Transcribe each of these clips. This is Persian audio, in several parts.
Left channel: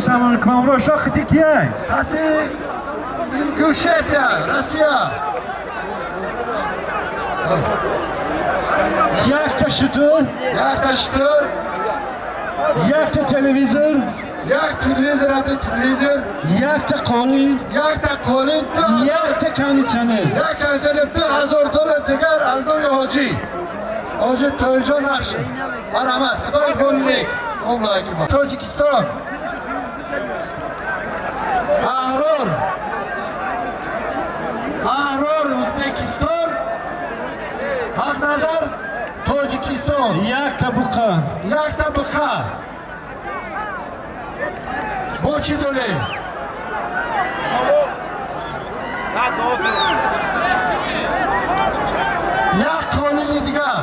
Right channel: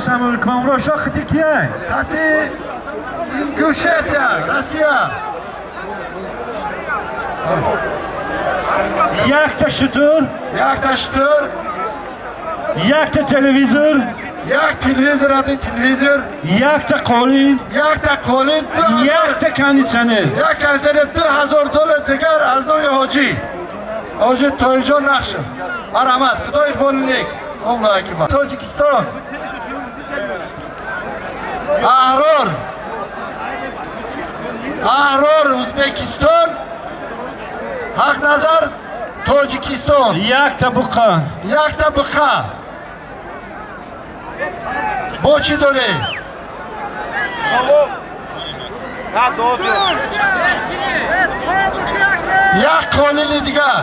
Самый камера шахти кия? Хати Ингушетия, Россия. Якта шатур, Якта штур, якта телевизор, як телевизор, ади телевизор, якта қолин, якта қолин, якта кондиционер. як кондиционер $2000 дигар аз нои ҳоҷӣ. Ҳоҷи Тоиҷон нақш. Марҳамат, Худои болинек. Омлайкима. Тоҷикистон. Аҳрор. Аҳрор Ӯзбекистон. Ҳақназар Тоҷикистон. Якта буқа. Якта буқа. Бо чӣ дорӣ? Як қонуни дигар.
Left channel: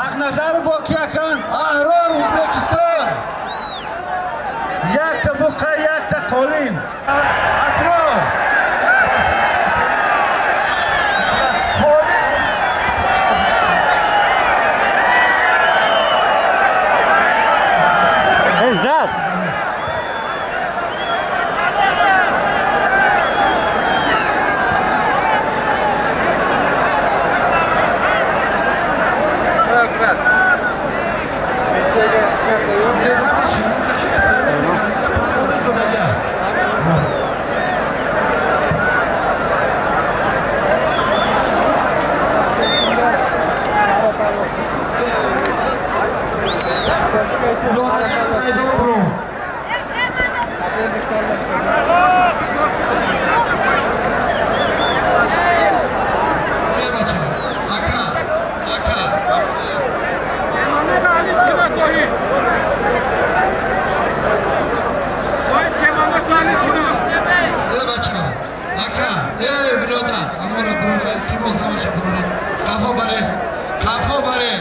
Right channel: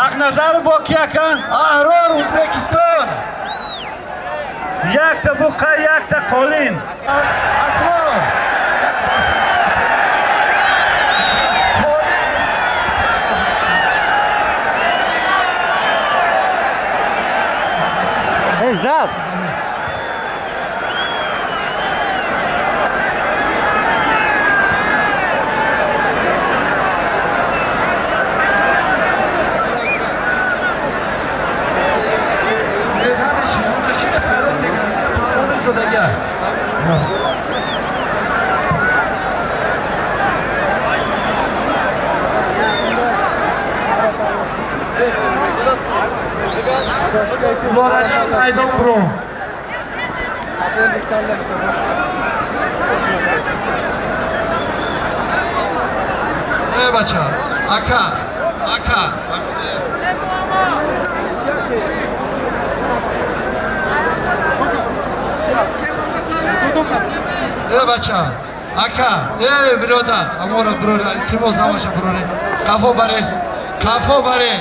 Ҳақназар бо кия кан? Аҳрор Ӯзбекистон. Якта буқа, якта қолин. Асрор. Зад. Murojaat maydon bro. Ey bacha, aka, aka. Ey bacha, aka, ey birodar, amora birodar, iltimos nabosha birodar. Qafo bare, qafo bare.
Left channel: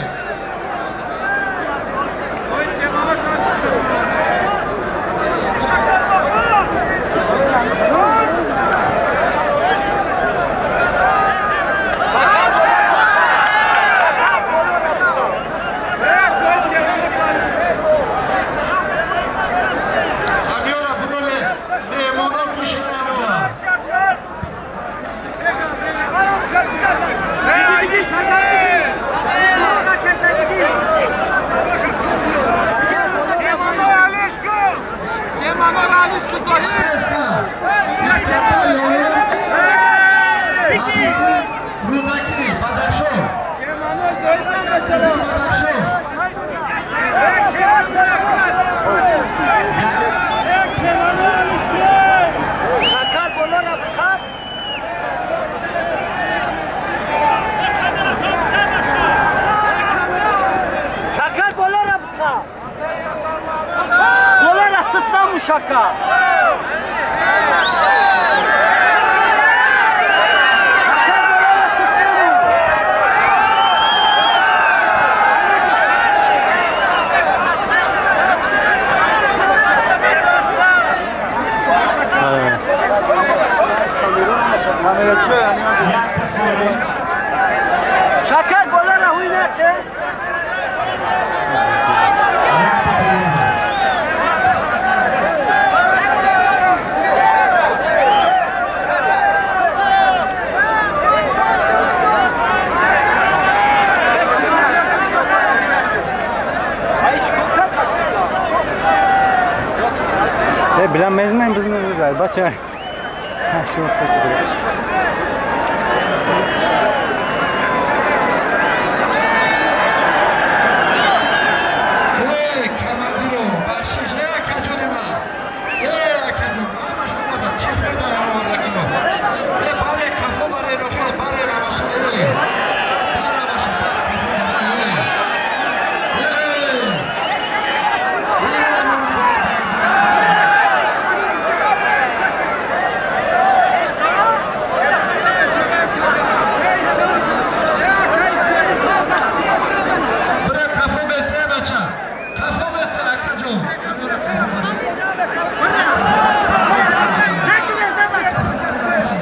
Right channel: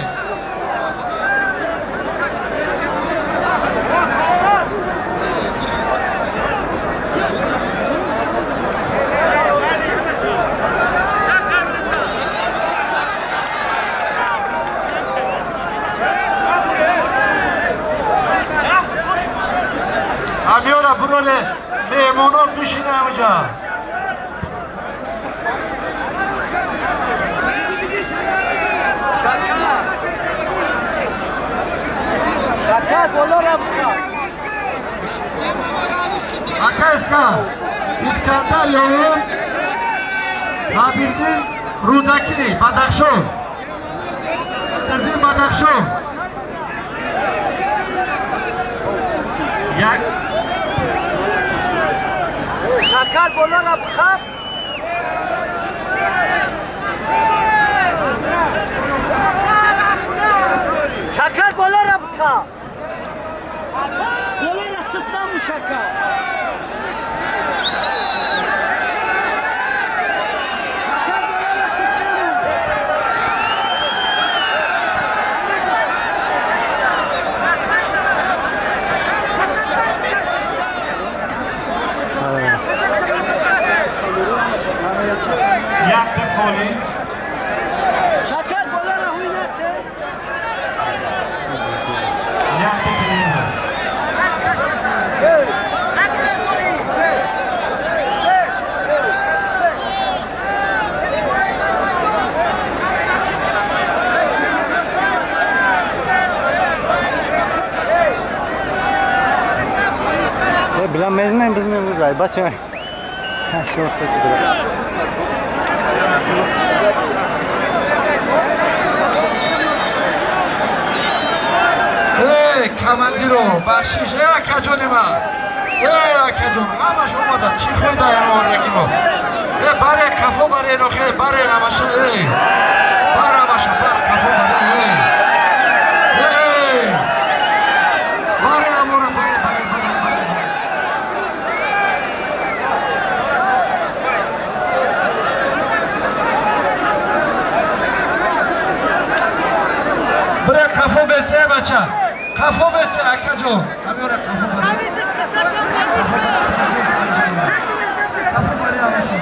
Rudaki, Badakhshon. Badakhshon. Shakar bolar ab khab. Shakar bolar ab khab. Bolar asistan bu Shakar. Yakta қолин. Shakar bolar ahuynache. Yakta televizor. Bilan mezunayım biz mezunayız. Başa. Ha şu olsa gidiyor. Командиро, бахшиш, акаҷонима. Акаҷон, ҳамаш омада, чӣ фоида ямон ракимо? Баре қафо баре нохе, баре ҳамаша, бар ҳамаша, бар қафо баре. Баре ҳамора, баре. Баре қафо бесе бача. Қафо бесе акаҷон. Ҳамора қафо баре. Қафо баре ҳамаша.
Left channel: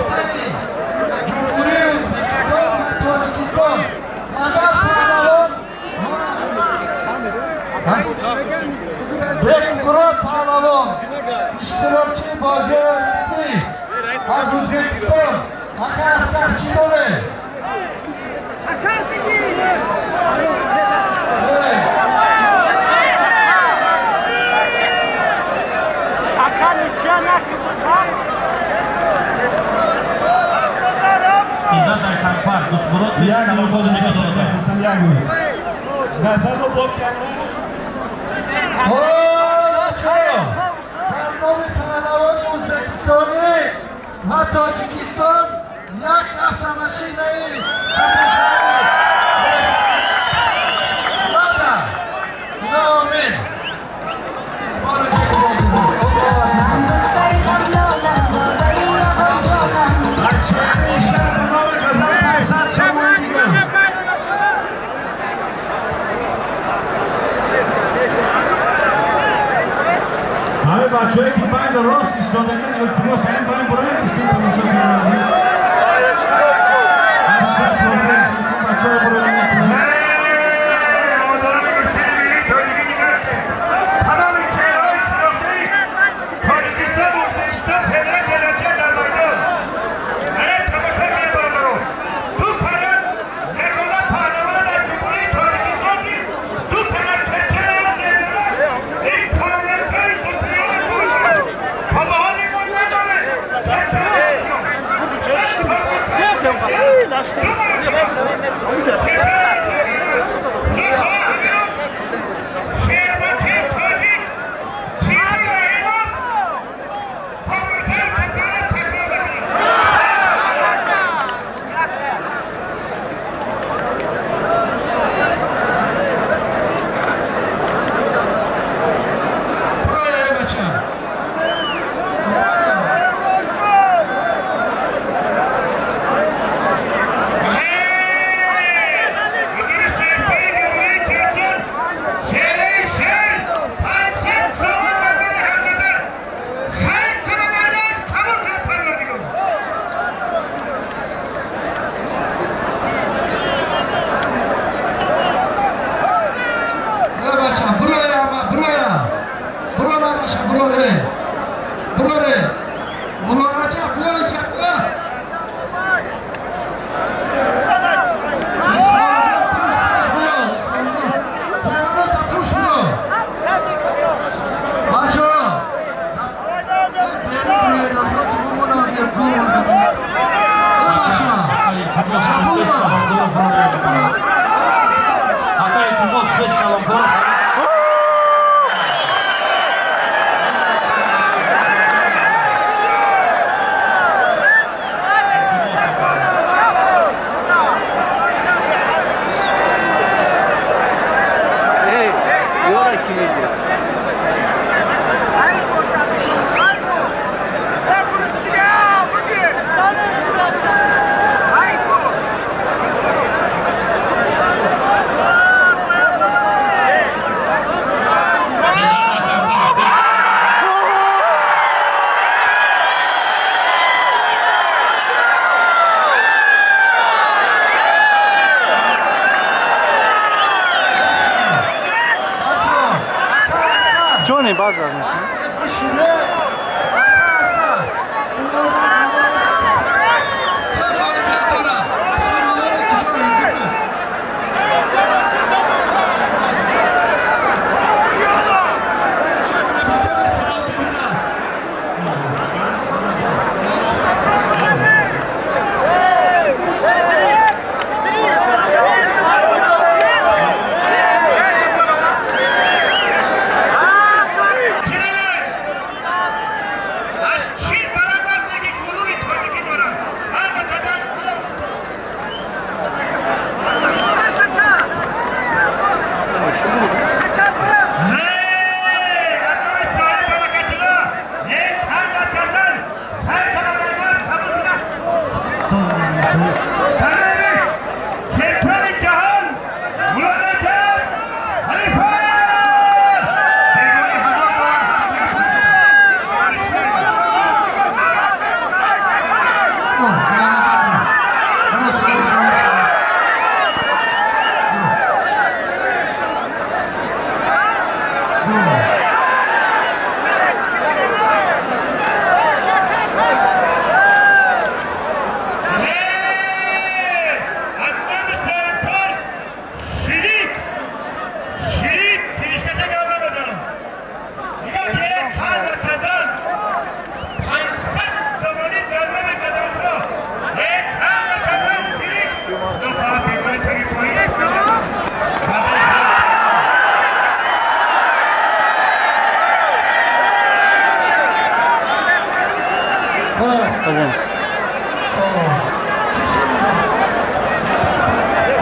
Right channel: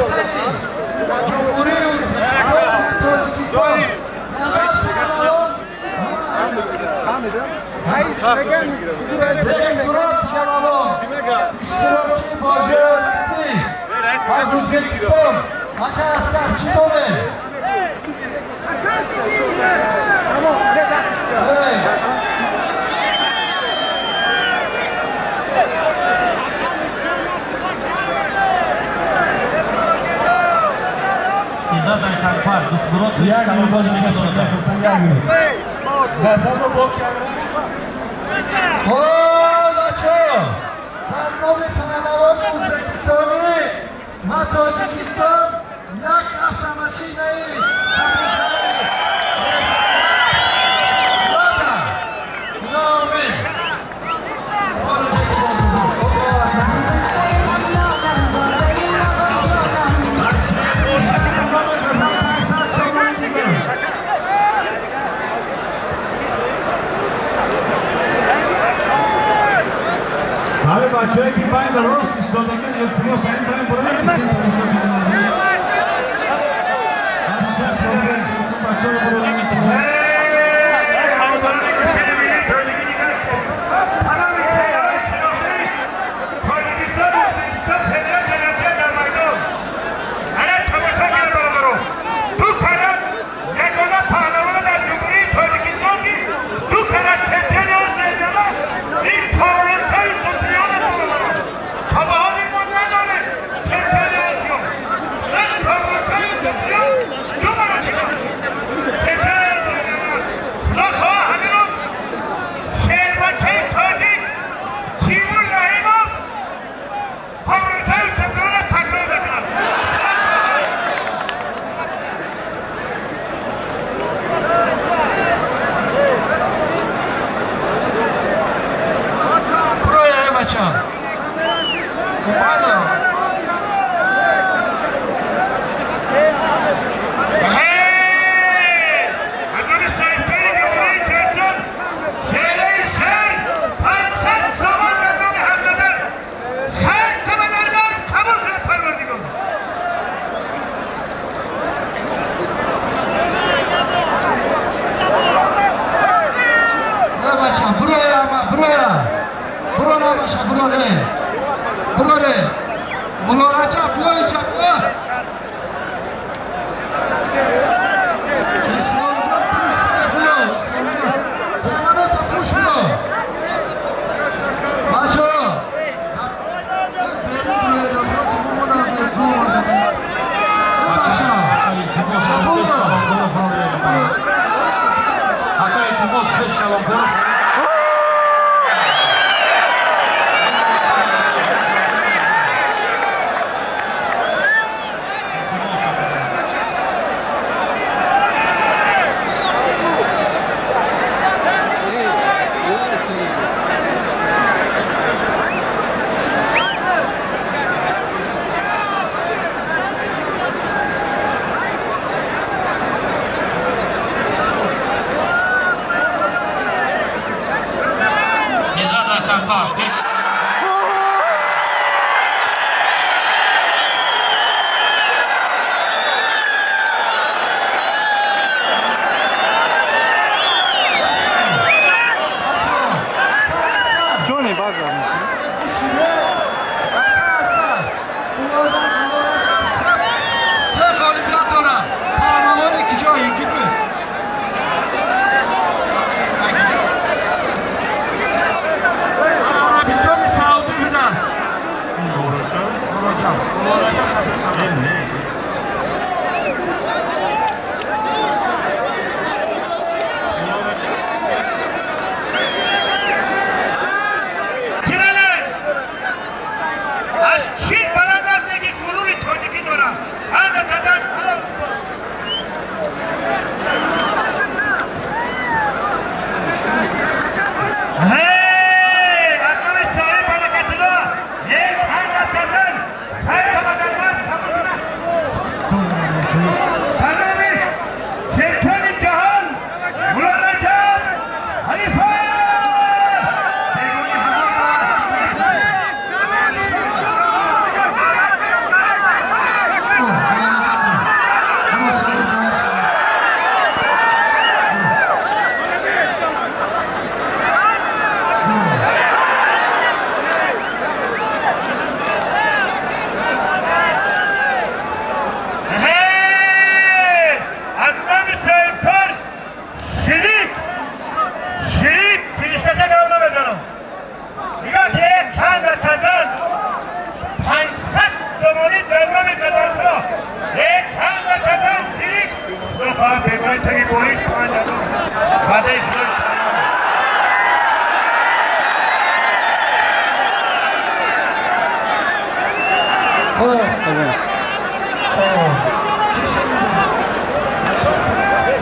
هفته‌ای جمهوری ازبکستان و تاجیکستان مدد پهلوان بریم گروه پهلوان اشتراکچی بازی المپیک از ازبکستان آقا اسکرچی داره یک مرداد میخواستن یک مورد غزل و با کمرش بچه در نام پهلوان ازبکستانی و تاجیکستان یک هفته ماشینه بچه‌ای که باید راست ایستادگان التماس این باید برای نیستیم تماشا کنند. اصلا پروگرام بچه‌ها رو برای نیستیم. سعادتان می‌گوشید می‌گید تاجیکی می‌گرده. تمام کشورهای شناخته تاجیکستان و ازبکستان فدرال جمعیت در مردم. هر تماشا کنید برادران. دو طرف یگانه پهلوان در جمهوری تاجیکستان کی دو طرف کمپین آزادانه این کامل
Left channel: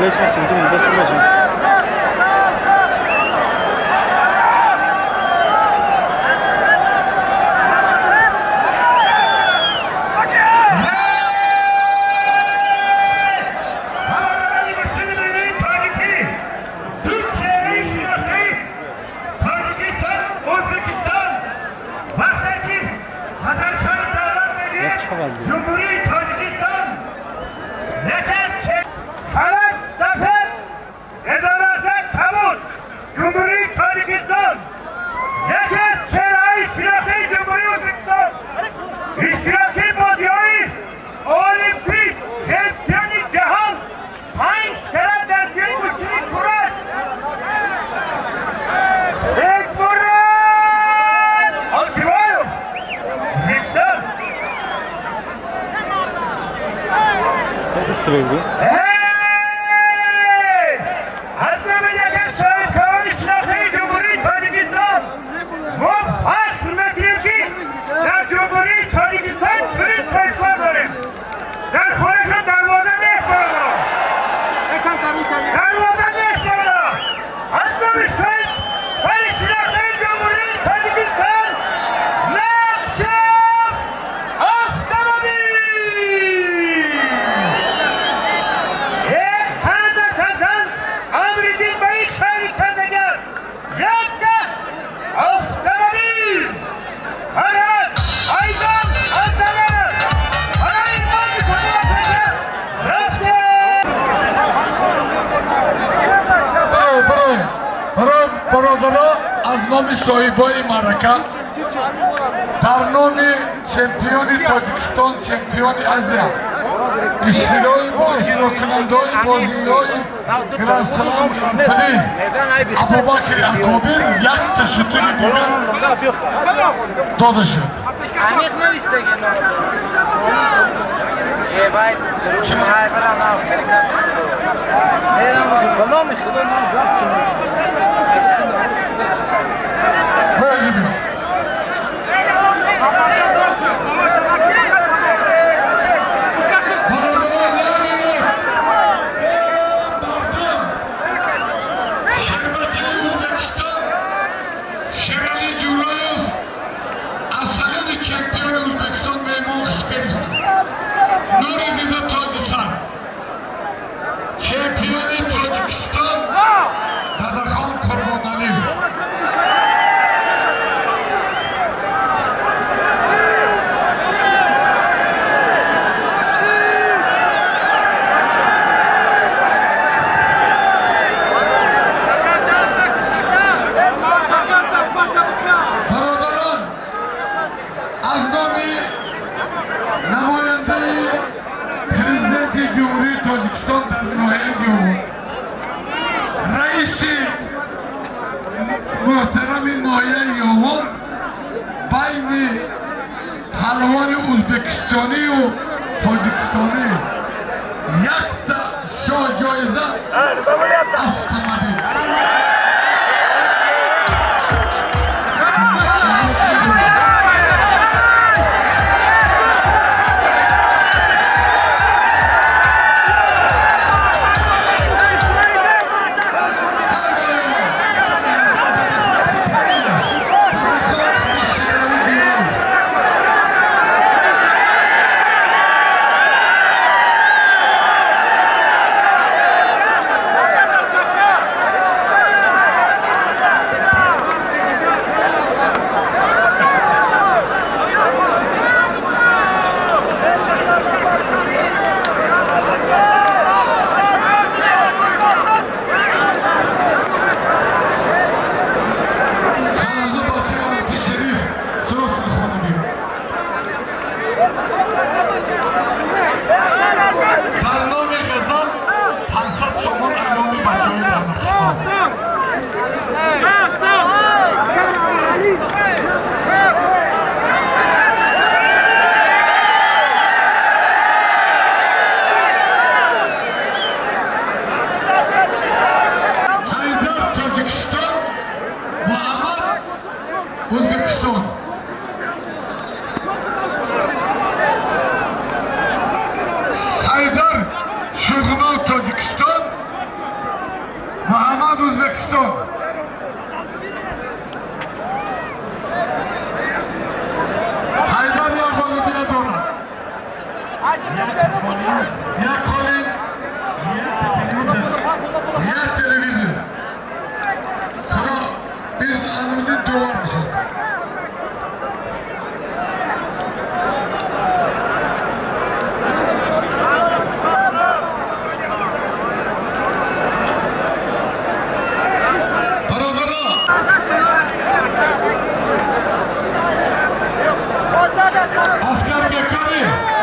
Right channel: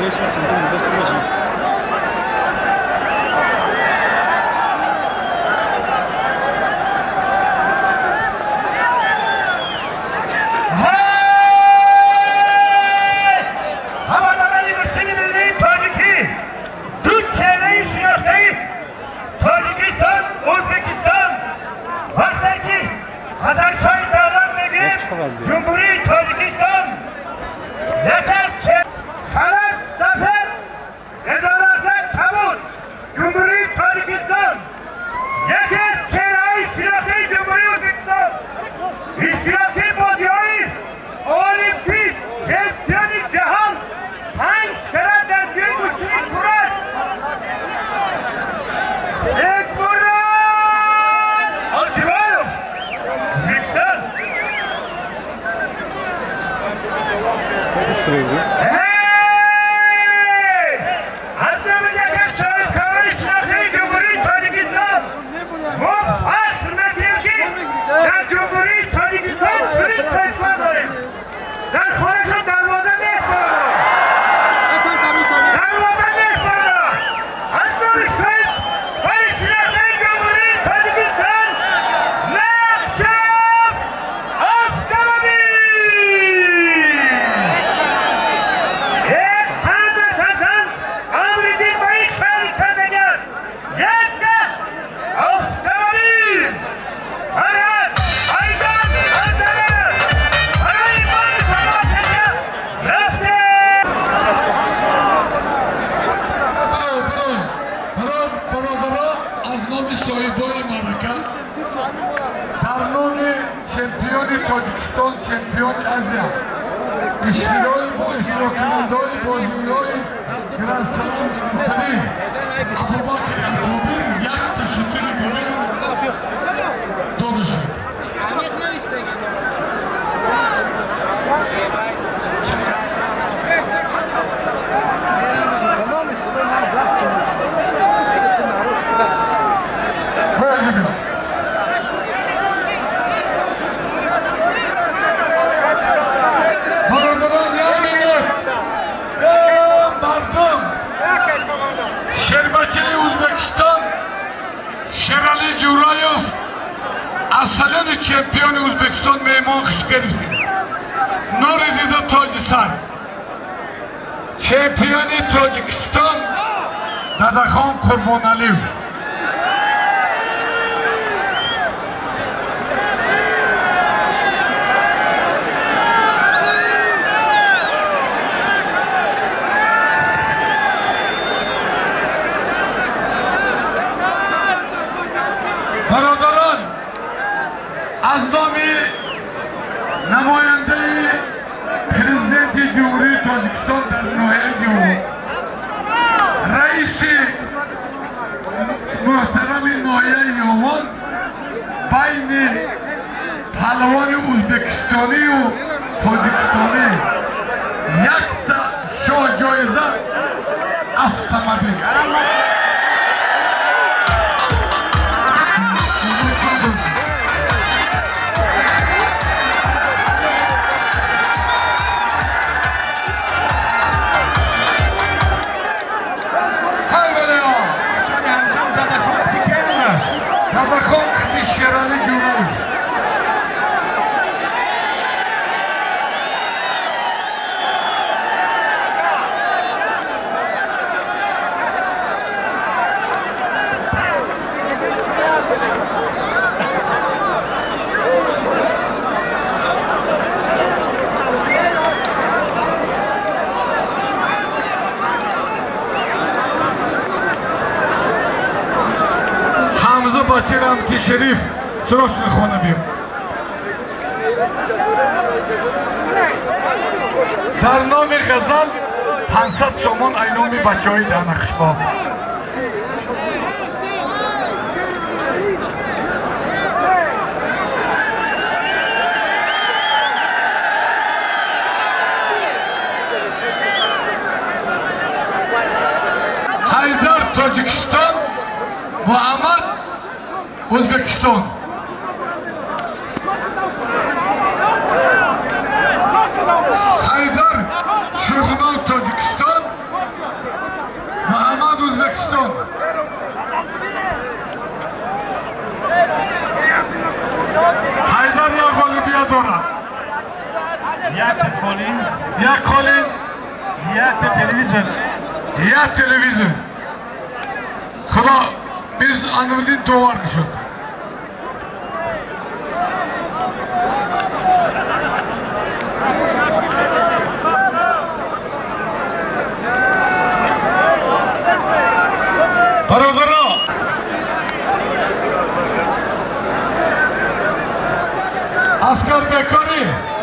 Değişmesin değil mi? Bakın. Cumhuriyet Tacikistan yeter Karat Zafer Edarasa Tabut Cumhuriyet Tacikistan yeter Çeray Silahı Cumhuriyet Özbekistan İsrafil Bodyayı Olimpik Şampiyonu Cihan Hangi kere dergiyi müşterik kurar Ekburan Altibayov Hristiyan Nasıl böyle? Hey! Azerbaycan Şahit Kavali Silahı Cumhuriyet Tacikistan Mufaz hürmetiyor ki der Cumhuriyet Tacikistan sürüt sayıslar verir. Der Khorasan darvaza ne ekbarada? Darvaza ne ekbarada? Azerbaycan Kavali Silahı Cumhuriyet Tacikistan Nakşaf Avtomobil! از نام صاحبای معرکه در نام چمپیون تاجیکستان چمپیون آسیا اشتراک با اشتراک کنندگان بازی‌های گرند سلام شامپیون ابوبکر اکابر یک تشکر دیگر داده شد. چمپیون ازبکستان میمان خوش گرفتیم ناردیده تاجستان چمپیون تاجیکستان دادخان قربانعلیف از نام نماینده پرزیدنت جمهوری تاجیکستان در ناحیه جمهور رئیس محترم ناحیه یوان بین پهلوان ازبکستانی و تاجیکستانی یک تا شاه جایزه автомобиль. شریف سراغ میخوانه بیم در نام غزل 500 سومون ایلام بچه های در نقشباف حیدر تاجیکستان محمد O'zbekiston Haydar Sho'g'inov Tojikiston یک کالین یک تلویزیون خدا biz anımızın doğar mısın? Parazara asker bekarı